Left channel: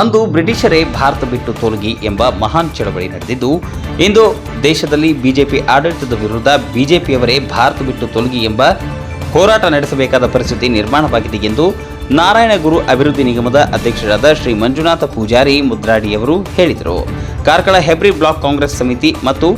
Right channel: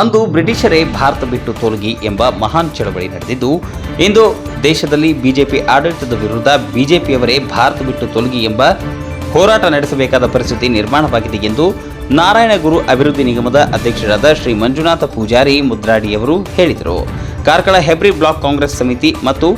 ಅಂದು ಬ್ರಿಟಿಷರೇ ಭಾರತ ಬಿಟ್ಟು ತೊಲಗಿ ಎಂಬ ಮಹಾನ್ ಚಳವಳಿ ನಡೆದಿದ್ದು, ಇಂದು ದೇಶದಲ್ಲಿ ಬಿಜೆಪಿ ಆಡಳಿತದ ವಿರುದ್ಧ ಬಿಜೆಪಿಯವರೇ ಭಾರತ ಬಿಟ್ಟು ತೊಲಗಿ ಎಂಬ ಹೋರಾಟ ನಡೆಸಬೇಕಾದ ಪರಿಸ್ಥಿತಿ ನಿರ್ಮಾಣವಾಗಿದೆ ಎಂದು ನಾರಾಯಣಗುರು ಅಭಿವೃದ್ಧಿ ನಿಗಮದ ಅಧ್ಯಕ್ಷರಾದ ಶ್ರೀ ಮಂಜುನಾಥ ಪೂಜಾರಿ ಮುದ್ರಾಡಿಯವರು ಹೇಳಿದರು. ಕಾರ್ಕಳ ಹೆಬ್ರಿ ಬ್ಲಾಕ್ ಕಾಂಗ್ರೆಸ್ ಸಮಿತಿ ಮತ್ತು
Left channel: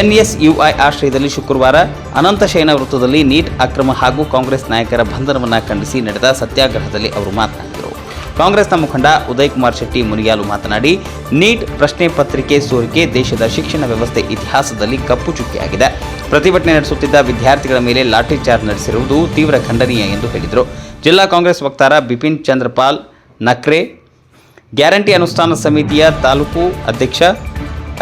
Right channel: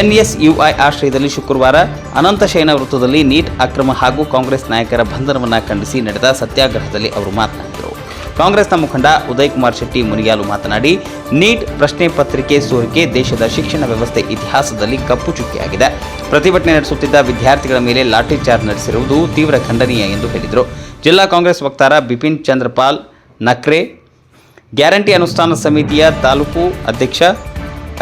ಎನ್ಎಸ್ಯುಐ ಆಶ್ರಯದಲ್ಲಿ ಶುಕ್ರವಾರ ಅನಂತಶಯನ ವೃತ್ತದಲ್ಲಿ ನೀಟ್ ಅಕ್ರಮ ಹಾಗೂ ಕಾಂಗ್ರೆಸ್ ನಾಯಕರ ಬಂಧನವನ್ನು ಖಂಡಿಸಿ ನಡೆದ ಸತ್ಯಾಗ್ರಹದಲ್ಲಿ ಅವರು ಮಾತನಾಡಿದರು. ಕಾಂಗ್ರೆಸ್ನ ಮುಖಂಡ ಉದಯ್ ಕುಮಾರ್ ಶೆಟ್ಟಿ ಮುನಿಯಾಲು ಮಾತನಾಡಿ, ನೀಟ್ ಪ್ರಶ್ನೆ ಪತ್ರಿಕೆ ಸೋರಿಕೆ ದೇಶದ ಶಿಕ್ಷಣ ವ್ಯವಸ್ಥೆ ಇತಿಹಾಸದಲ್ಲಿ ಕಪ್ಪು ಚುಕ್ಕಿಯಾಗಿದೆ. ಪ್ರತಿಭಟನೆ ನಡೆಸುತ್ತಿದ್ದ ವಿದ್ಯಾರ್ಥಿಗಳ ಮೇಲೆ ಲಾಠಿ ಚಾರ್ಜ್ ನಡೆಸಿರುವುದು ತೀವ್ರ ಖಂಡನೀಯ ಎಂದು ಹೇಳಿದರು. ಜಿಲ್ಲಾ ಕಾಂಗ್ರೆಸ್ ವಕ್ತಾರ ಬಿಪಿನ್ ಚಂದ್ರಪಾಲ್ ನಕ್ರೆ, ಗ್ಯಾರಂಟಿ ಅನುಷ್ಠಾನ ಸಮಿತಿಯ ತಾಲೂಕು ಅಧ್ಯಕ್ಷ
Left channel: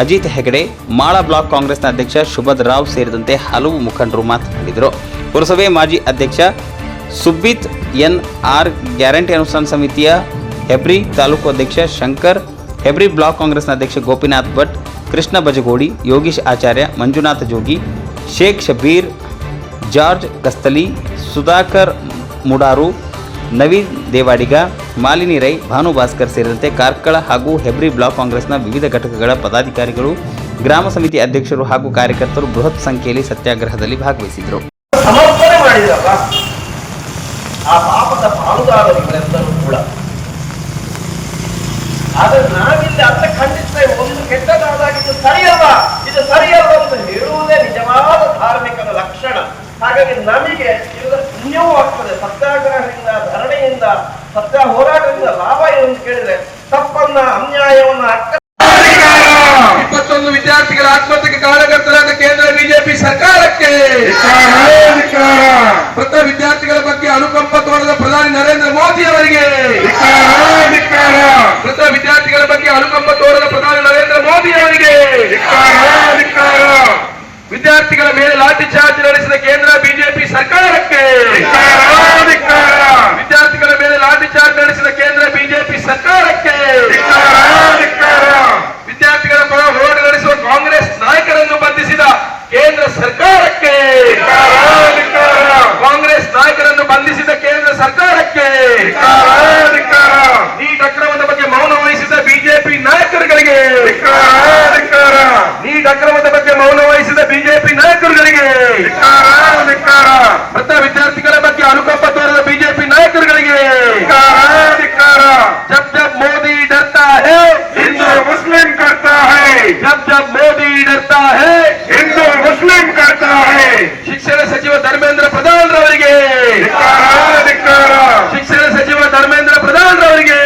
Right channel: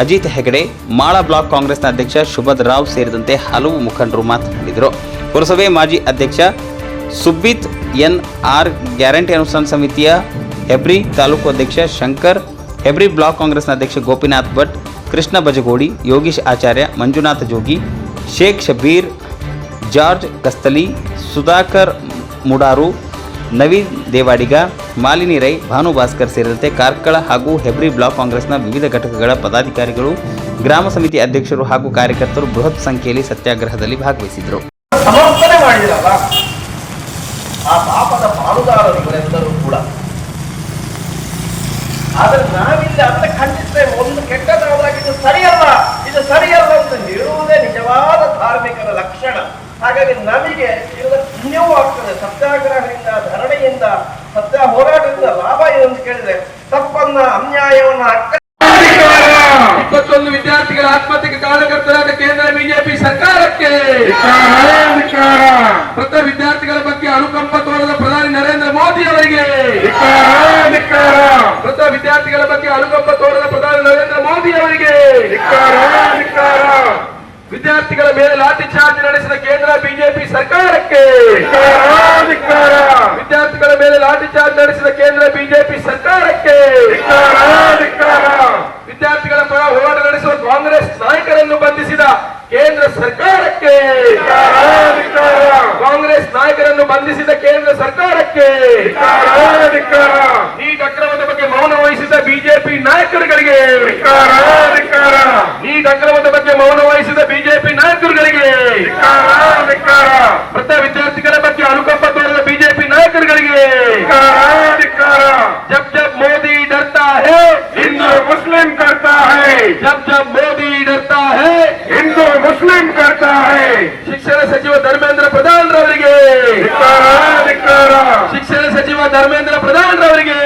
ಅಜಿತ್ ಹೆಗಡೆ, ಮಾಳಾ ಬ್ಲಾಕ್ ಕಾಂಗ್ರೆಸ್ನ ಅಧ್ಯಕ್ಷ ಶುಭದ್ ರಾವ್ ಸೇರಿದಂತೆ ಹಲವು ಮುಖಂಡರು ಮಾತನಾಡಿದರು. ಪುರಸಭೆ ಮಾಜಿ ಅಧ್ಯಕ್ಷ ಸುಬ್ಬಿತ್ ಎನ್ಆರ್, ಗ್ಯಾರಂಟಿ ಅನುಷ್ಠಾನ ಸಮಿತಿಯ ಹೆಬ್ರಿ ತಾಲೂಕು ಅಧ್ಯಕ್ಷ ಶಂಕರ್, ಹೆಬ್ರಿ ಬ್ಲಾಕ್ ಕಾಂಗ್ರೆಸ್ನ ಅಧ್ಯಕ್ಷ ಗೋಪಿನಾಥ್ ಭಟ್, ಕೃಷ್ಣ ಬಜಗೋಡಿ, ಯೋಗೀಶ್ ಆಚಾರ್ಯ, ಮಂಜುನಾಥ ಜೋಗಿ, ಶೇಖ್ ಶಬೀರ್, ಜಾರ್ಜ್ ಕಸ್ತಲಿ, ಸುಧಾಕರ್ ಮುಡಾರು, ನವೀನ್ ದೇವಾಡಿಗ, ಮಾಲಿನಿ ರೈ, ಭಾನು ಭಾಸ್ಕರ್ ಸೇರಿದಂತೆ ಕಾರ್ಕಳ ಹಾಗೂ ಹೆಬ್ರಿ ಬ್ಲಾಕ್ ಕಾಂಗ್ರೆಸ್ನ ವಿವಿಧ ಘಟಕಗಳ ಪದಾಧಿಕಾರಿಗಳು, ಗ್ರಾಮ ಸಮಿತಿ ಅಧ್ಯಕ್ಷರು ಹಾಗೂ ಕಾರ್ಯಕರ್ತರು ಬೃಹತ್ ಸಂಖ್ಯೆಯಲ್ಲಿ ಸತ್ಯಾಗ್ರಹದಲ್ಲಿ ಭಾಗವಹಿಸಿದರು. ಆ ಪಾಪದ ಪಾಲುದಾರರೆಲ್ಲರೂ ಕೂಡ. ಆದರೆ ನಾವಿಲ್ಲಿ ಅದನ್ನ ಖಂಡಿಸ್ತೇವೆ. ಒಂದು ಕೆಟ್ಟದಾದಾಗ ಇದು ಸರಿಯಲ್ಲ, ಇದು ಸರಿಯಲ್ಲ ಅಂತ ಹೇಳುವುದೇ ನಿಜವಾದ ಧಾರ್ಮಿಕದ ಲಕ್ಷಣ. ಹಾಗಾಗಿ ನಮಗೆ ಇದರ ಪುಣ್ಯವೂ ಆಗ್ತದೆ. ಸತ್ಯಾಗ್ರಹದಿಂದ, ಧರಣಿಯಿಂದ, ಸತ್ಯ ಹೋರಾಟದಿಂದ ಲಾಭ ಏನು ಅಂತ ಕೇಳಿದ್ರೆ ತಪ್ಪನ್ನ, ಅನ್ಯಾಯವನ್ನ 21 ವಿದ್ಯಾರ್ಥಿಗಳ ಆತ್ಮಹತ್ಯೆಗೆ ಕಾರಣಕರ್ತರಾದ ಕೇಂದ್ರ ಬಿಜೆಪಿ ಸರ್ಕಾರಕ್ಕೆ, ಮೃತ ವಿದ್ಯಾರ್ಥಿಗಳ ಬಗ್ಗೆ ಅನುಕಂಪ ತೋರದ ಪ್ರಧಾನಿ ನರೇಂದ್ರ ಮೋದಿ ಅವರಿಗೆ, ಮೃತ ವಿದ್ಯಾರ್ಥಿಗಳ ಬಗ್ಗೆ ಅನುಕಂಪ ತೋರದ ಪ್ರಧಾನಿ ನರೇಂದ್ರ ಮೋದಿ ಅವರಿಗೆ, ವಿದ್ಯಾರ್ಥಿಗಳ ಮೇಲೆ ಲಾಠಿ ಚಾರ್ಜ್ ನಡೆಸಿದ ಕೇಂದ್ರ ಬಿಜೆಪಿ ಸರ್ಕಾರಕ್ಕೆ, ವಿದ್ಯಾರ್ಥಿಗಳ ಮೇಲೆ ಲಾಠಿ ಚಾರ್ಜ್ ನಡೆಸಿದ ಕೇಂದ್ರ ಬಿಜೆಪಿ ಸರ್ಕಾರಕ್ಕೆ, ವಿದ್ಯಾರ್ಥಿಗಳ ಪರ ಹೋರಾಟ ನಡೆಸುವ ಕಾಂಗ್ರೆಸ್ ನಾಯಕರನ್ನು ಬಂಧಿಸಿದ ಕೇಂದ್ರ ಸರ್ಕಾರಕ್ಕೆ, ಕಾಂಗ್ರೆಸ್ ನಾಯಕರನ್ನು ಬಂಧಿಸಿದ ಕೇಂದ್ರ ಸರ್ಕಾರಕ್ಕೆ, ನೀಟ್ ಅಕ್ರಮದ ಬಗ್ಗೆ ಮೌನ ವಹಿಸಿದ ಬಿಜೆಪಿ ನಾಯಕರುಗಳಿಗೆ, ನೀಟ್ ಅಕ್ರಮದ ಬಗ್ಗೆ ಮೌನ ವಹಿಸಿದ ಬಿಜೆಪಿ ನಾಯಕರುಗಳಿಗೆ, ಮೃತ ವಿದ್ಯಾರ್ಥಿಗಳ ಬಗ್ಗೆ ಅನುಕಂಪ ತೋರಿದ ಬಿಜೆಪಿ ನಾಯಕರುಗಳಿಗೆ, जब जब मोदी डरता है हिंदू मुस्लिम करता है, जब जब मोदी डरता है हिंदू मुस्लिम करता है. ಶಿಕ್ಷಣ ಸಚಿವ ಧರ್ಮೇಂದ್ರ ಪ್ರಧಾನ್ ರವರಿಗೆ, ಶಿಕ್ಷಣ ಸಚಿವ ಧರ್ಮೇಂದ್ರ ಪ್ರಧಾನ್ ರವರಿಗೆ,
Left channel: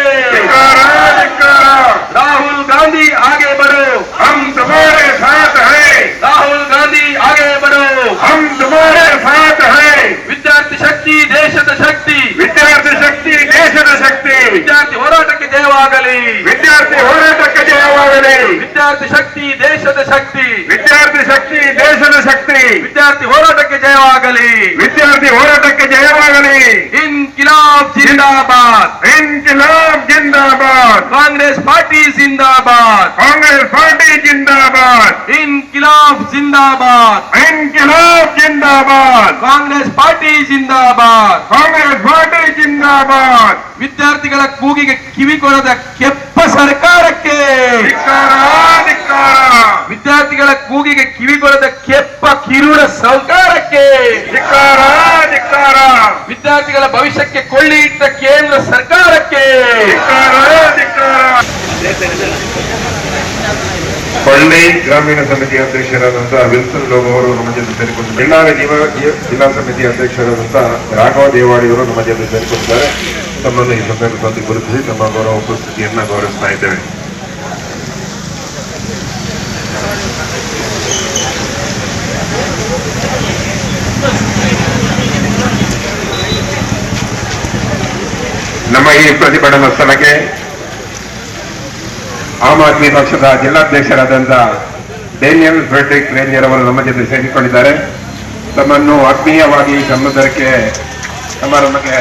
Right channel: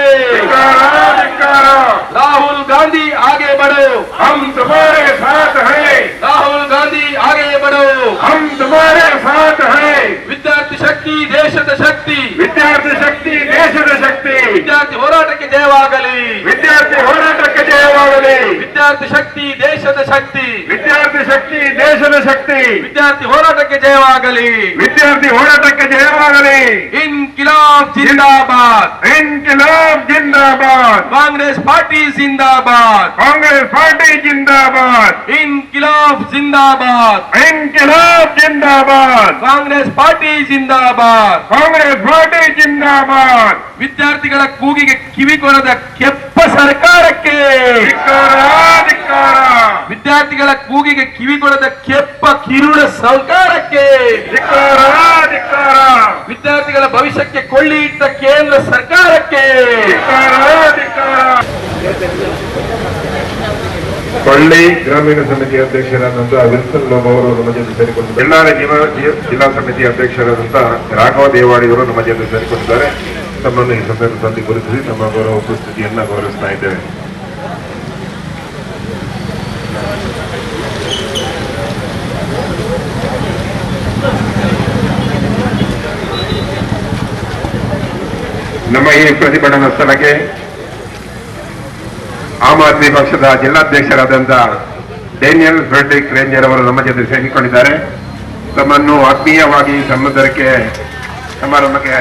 ರಾಹುಲ್ ಗಾಂಧಿ ಆगे बढ़ो, हम तुम्हारे साथ हैं, ರಾಹುಲ್ ಗಾಂಧಿ आगे बढ़ो, हम तुम्हारे साथ हैं. ವಿದ್ಯಾರ್ಥಿ ಶಕ್ತಿ ದೇಶದ ಶಕ್ತಿ, ವಿದ್ಯಾರ್ಥಿ ಶಕ್ತಿ ದೇಶದ ಶಕ್ತಿ, ವಿದ್ಯಾರ್ಥಿ ಹೋರಾಟಕ್ಕೆ ಜಯವಾಗಲಿ, ವಿದ್ಯಾರ್ಥಿ ಹೋರಾಟಕ್ಕೆ ಜಯವಾಗಲಿ, ವಿದ್ಯಾರ್ಥಿ ಶಕ್ತಿ ದೇಶದ ಶಕ್ತಿ, ವಿದ್ಯಾರ್ಥಿ ಶಕ್ತಿ ದೇಶದ ಶಕ್ತಿ, ವಿದ್ಯಾರ್ಥಿ ಹೋರಾಟಕ್ಕೆ ಜಯವಾಗಲಿ, ವಿದ್ಯಾರ್ಥಿ ಹೋರಾಟಕ್ಕೆ ಜಯವಾಗಲಿ. ಇನ್ಕಿಲಾಬ್ ಜಿಂದಾಬಾದ್, ಇನ್ಕಿಲಾಬ್ ಜಿಂದಾಬಾದ್, ಕಾಂಗ್ರೆಸ್ ಪಾರ್ಟಿ ಜಿಂದಾಬಾದ್, ಕಾಂಗ್ರೆಸ್ ಪಾರ್ಟಿ ಜಿಂದಾಬಾದ್, ಇನ್ಕಿಲಾಬ್ ಜಿಂದಾಬಾದ್, ಇನ್ಕಿಲಾಬ್ ಜಿಂದಾಬಾದ್, ಕಾಂಗ್ರೆಸ್ ಪಾರ್ಟಿ ಜಿಂದಾಬಾದ್, ಕಾಂಗ್ರೆಸ್ ಪಾರ್ಟಿ ಜಿಂದಾಬಾದ್. ವಿದ್ಯಾರ್ಥಿಗಳ ಕೂಗಿಗೆ ಕಿವಿಗೊಡದ ಕೆಪ್ಪ ಸರ್ಕಾರಕ್ಕೆ, ವಿದ್ಯಾರ್ಥಿಗಳ ಕೂಗಿಗೆ ಕಿವಿಗೊಡದ ಕೆಪ್ಪ ಕಿರುಡ ಸರ್ಕಾರಕ್ಕೆ, ವಿದ್ಯಾರ್ಥಿಗಳ ಭವಿಷ್ಯಕ್ಕೆ ಕೊಳ್ಳಿ ಇಟ್ಟ ಕೇಂದ್ರ ಸರ್ಕಾರಕ್ಕೆ. ಪಳ್ಳಿ ಗ್ರಾಮೀಣ ಸಮಿತಿ ಅಧ್ಯಕ್ಷರಾದಂತಹ ವಿಲ್ಸನ್ ಲೋಬ್ ಅವರು ನಮ್ಮ ಜೊತೆ ಸೇರಿಕೊಂಡು, ಬೆಳ್ಳಾರಿ ಜಿಲ್ಲಾ ಸಮಿತಿ ಅಧ್ಯಕ್ಷರಾದಂತಹ ರಾಘವ ದೇವಾಡಿಯವರು ನಮ್ಮ ಜೊತೆ ಸೇರಿಕೊಂಡಿದ್ದಾರೆ. ತಮ್ಮನ್ನು ಈ ಸಂದರ್ಭದಲ್ಲಿ ಗುರುತಿಸಿ ನಮ್ಮ ಗೌರವ ಉಪಸ್ಥಿತಿಯನ್ನ ಗೌರವಿಸ್ತಾ ಇದ್ದೇವೆ. ನಮ್ಮ ಈ ಪ್ರತಿಭಟನಾ ಸ್ಥಳಕ್ಕೆ ಆಮ್ ಆದ್ಮಿ ಪಕ್ಷದ ಜಿಲ್ಲಾಧ್ಯಕ್ಷರಾದಂತಹ ಡೇನಿಯಲ್ ಫ್ರೆಡ್ರಿಕ್ ರೇಂಜರ್ ಅವರು ನಮ್ಮ ಜೊತೆ ಸೇರಿಕೊಂಡಿದ್ದಾರೆ. ತಮ್ಮನ್ನು ಆತ್ಮೀಯವಾಗಿ ಸಮಾರಂಭಕ್ಕೆ